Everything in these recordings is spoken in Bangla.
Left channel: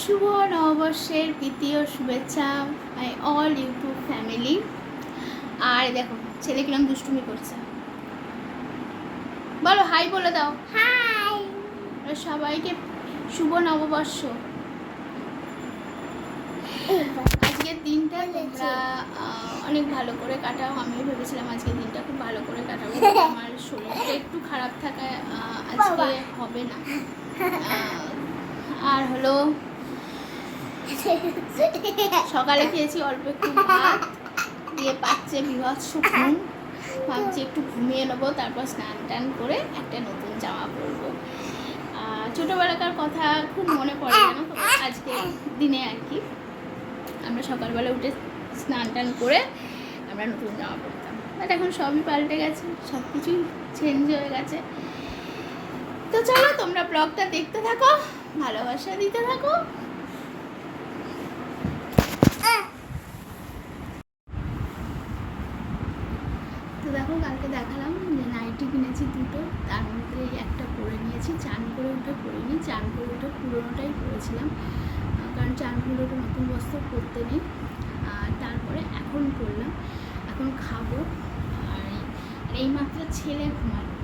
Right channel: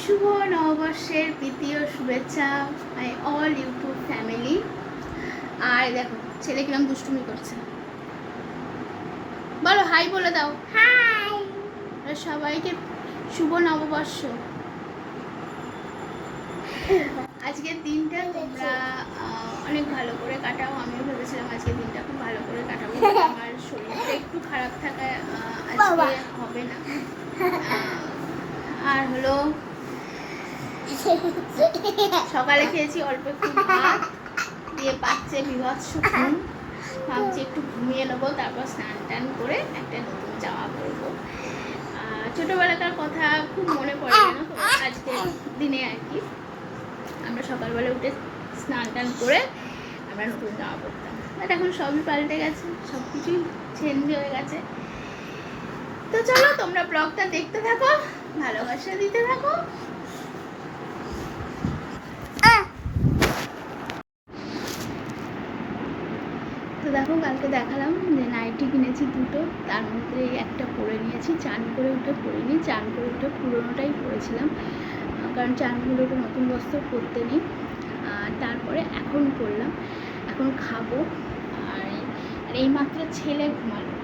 শুভ নববর্ষের প্রীতি ও শুভেচ্ছা মাই অল ইউটিউব ফ্যামিলি। আর দেখো ছেলে কিরম দুষ্টুমি করছে, বলো হাই বলে দাও। হাই সবাইকে শুভ নববর্ষ। আজকের দিনটা তোমরা অনেক ভালো করে কাটাও। আমিও ভেবেছিলাম আজকের দিনটা খুব ভালো করে কাটাবো, আমার শরীরটা একটু খারাপ থাকায় আজকে হবে না। আর হলো সকালে খেয়েছি অল্প একটু ভাত দিয়ে, পাচ্ছে বিভৎস ঘুম। ভাবছি একটু ঘুমিয়ে নেবো, তারপর স্নান টান করে একটা নতুন জামা পরবো। ছোটোবেলাকার কথা খুব মনে পড়ে জানো তো আজকের দিনে আর কি। আমরা সকালবেলা উঠে স্নান টান করে আমরা নতুন জামা পরতাম, বাট এখন সবই পাল্টে গেছে, সব কিছুই চেঞ্জ হয়ে গেছে। তো চলো তোমরা ব্লগটা দেখতে থাকো, ভালোবাসা দিতে থাকো। তো দেখো কালকে দেখালাম যে নাইটি কিনেছি দুটো, তার মধ্যে একটা পরে নিয়েছি। চান করে উঠে পরিনি, চান করে উঠে পুরোনোটাই পরেছিলাম, কারণ চানগুলো একটু নতুন বস্ত্র পরতে নেই। আর তারপরে এখন পরলাম, এখন খাবো। আর এইমাত্র ছেলে ঘুমালো।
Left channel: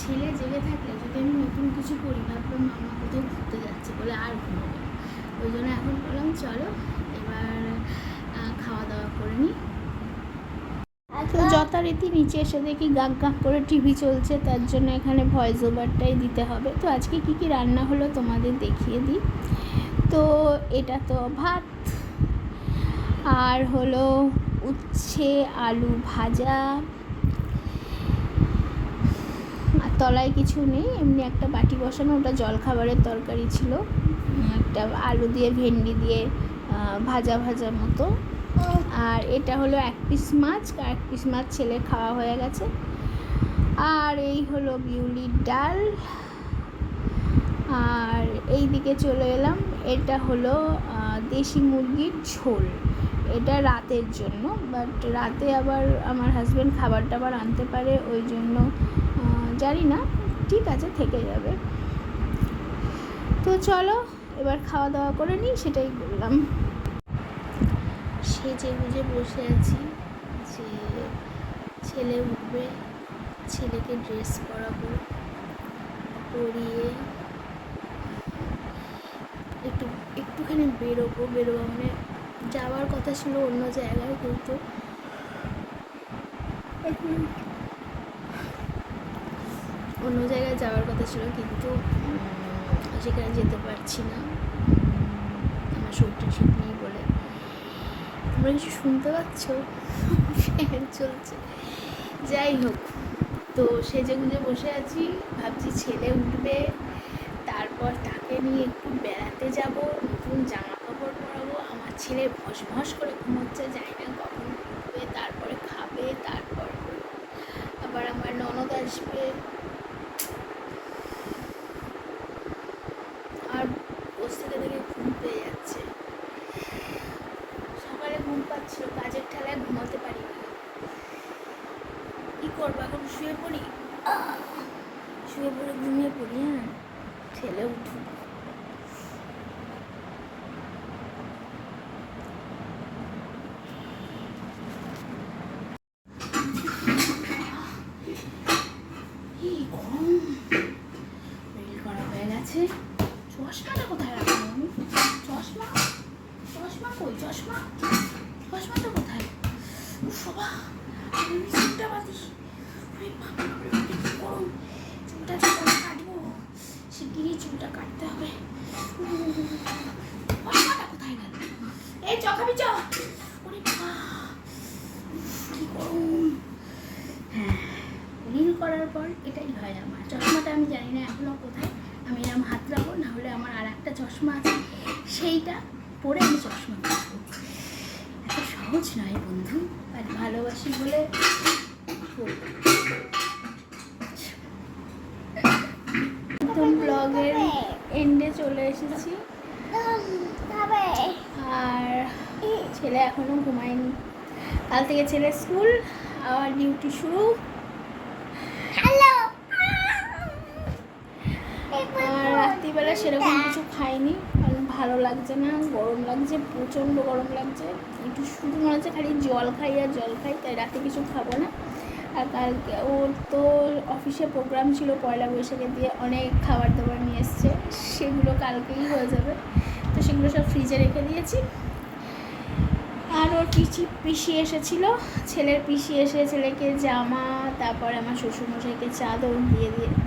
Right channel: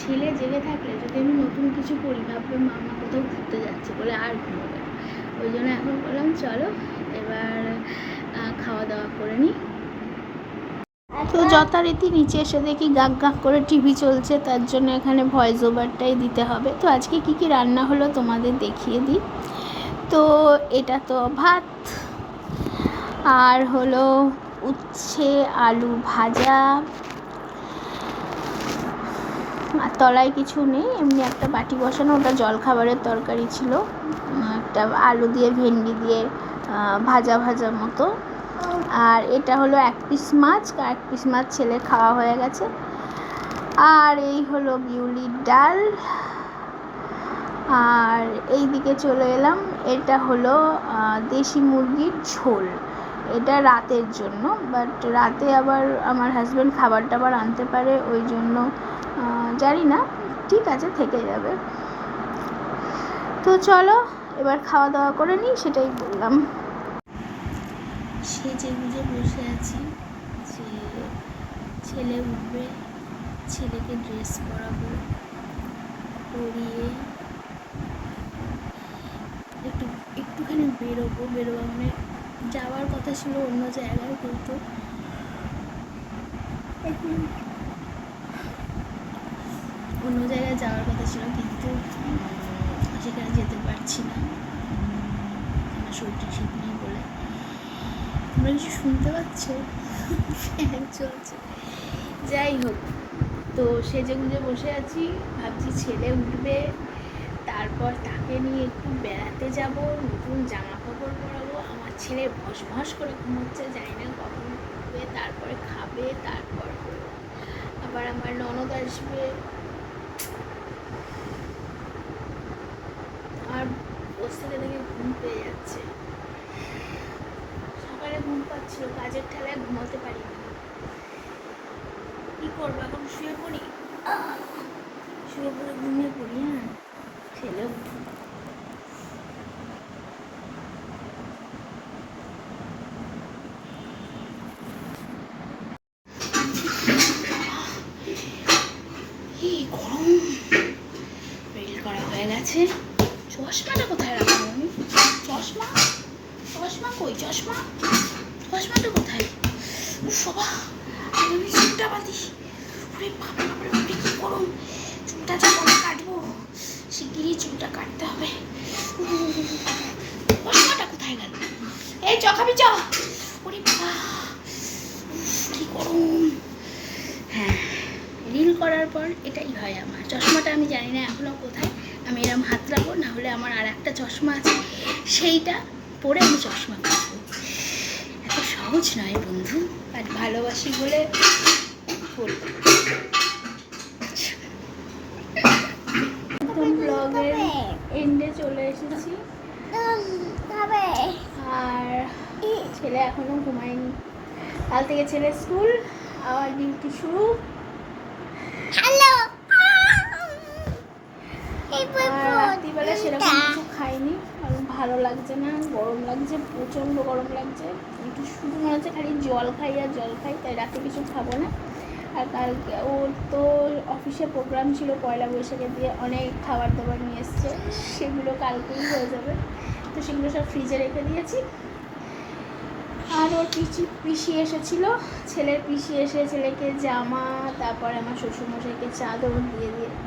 ছেলে জেগে থাকলে যদি আমি নতুন কিছু পরি ভাববে মামা কোথাও ঘুরতে যাচ্ছে বলে আর ঘুমোবে না। ওই জন্য এখন বললাম চলো এবার খাওয়া দাওয়া করে নিই। তো যথারীতি নিচে এসে দেখি গাক গাক করে টিভি চলছে, তার জন্য এখানে ভয়েস ওভারটাই দিতে হবে। তো আজকে কি কি রান্না হলো তোমাদের দেখিয়ে দিই। তো এটা তো ভাত, আর হলো উচ্ছে আলু ভাজা, আর তলায় কিছু নেই, এমনি একটা বাটি বসানো, ওটা জলখাবারের তরকারি ছিল। একটা আলু দিয়ে ভেন্ডি দিয়ে ভাজা ভাজা মতো। আর এটা হলো এক পিস মাছ ছেলে খাওয়া হয়ে গেছে। আর এই হলো বিউলির ডাল। আর এই দিকে চলে এলাম, এটা হলো দেশি মুরগির ঝোল। এটা রাতের জন্য, বাট রাতে আবার আমার হাজব্যান্ড খাবার টাবার আনতে পারে, ওই জন্য জানি না, ঠিক আছে থেকে যাবে। তো চলো এবার খাওয়া দাওয়া করে নিই, সেটাই বললাম। সেজে গুজে বসে আছি যে ছেলে উঠবে, ছেলেকে ড্রেস পরাবো, পরিয়ে একটুখানি বেরোবো মানে যাওয়ার কথা ছিল অন্য জায়গায়, কিন্তু অন্য জায়গায় যাওয়ার কথা ছিল, কিন্তু সেখানে যেতে পারছি না, আমার শরীরটা ঠিক নেই বলে। তোমরা কিছু শুনতে পাচ্ছ? ফ্যান চলছে। যাই হোক, তো সেজে গুজে বসে আছি, ভাবছি ছেলে উঠবে, তারপর তাকে নিয়ে একটু বেড়াতে যাব, নতুন জামা কাপড় পরাবো। আমার ছেলে ভস ভস করে ঘুমোচ্ছে, জানি না কখন উঠবে, তারপরে খাবে, তারপর আবার আমার ননদ আসবে। আর বসে থেকে ঘুম পেয়ে যাচ্ছে, সকালে ঘুম পাচ্ছিল, কাজের ঠেলায় ঘুমাতে পারি না। কী করবো এখন, শুয়ে পড়ি, শুয়ে পড়ে ঘুমিয়ে পড়ি। হ্যাঁ ছেলে গরম রিল করা হয়ে গেছে। চশমাটা কোথায় রাখলাম আমি? চশমা কই? চশমাটা কোথায়? শোভা, আমি চুলটা বাঁধি। ওরে বাবা রে, কি গরম! চুলটা যখন কাটবো শিগগিরই চুলটা কাটতে হবে। চশমাটা কোথায় গেল? এই চ খাবি চ। ওরে বাবা কি গরম! হ্যাঁ, রিল করার পর এটাই হয় আমার। চশমাটা আমি জানি না এখনও কোথায়, আমি এরম হাত রাখবো, না হলে আমার আর একটা চশমা আছে, সেইটা পরে আমি চশমা কাটবো। এত সহজ নয় বন্ধু, আর ভালোবাসি বলে বলবো। একদম ব্লগের এন্ডে চলে এসেছি, আর ছেলে এখনো ঘুমায়নি। কাল থেকে ছেলে স্কুল, আর ডিউটি শুরু। আর রাত্রিবেলা সেরকম কিছু খাইনি, কারণ ভাত ভালো লাগছে না, গরম লাগছে, প্রচণ্ড গরম লাগছে। একটু শুধু মনে হচ্ছে খালি জল খাই আর জল খাই, তাই রাতে কিছু খাবো না। আর কালকে ওর তো অফিসে প্রোগ্রাম ছিল পয়লা বৈশাখে দিয়ে, অনেক খাবার দাবার নিয়ে এসছে, সেগুলো কালকেই হয়ে যাবে। তো সেগুলো সব ফ্রিজে রেখে দিয়েছি। আর ওর পিসি এসেছিলো, ছেলের পিসি এসে ছেলেকে জামা, তারপরে আমার শ্বশুরমশাইকে চাদর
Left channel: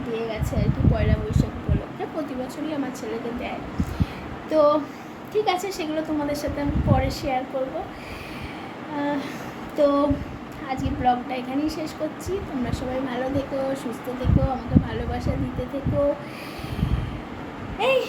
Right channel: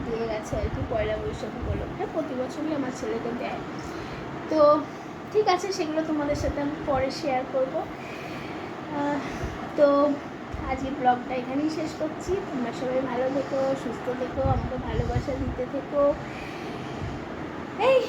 দিয়ে গেছে আর কি, পয়লা বৈশাখ উপলক্ষে। প্রতি বছরই আমার ছেলেকে দেয়। তো ঠিক আছে, সেগুলো তোমাদের সাথে আমি পরে শেয়ার করবো। তো আজকে ব্লগটা এখানেই শেষ করছি। তোমরা সবাই ভালো থেকো, সুস্থ থেকো, আমাকে ভালোবাসা দিতে থেকো। এই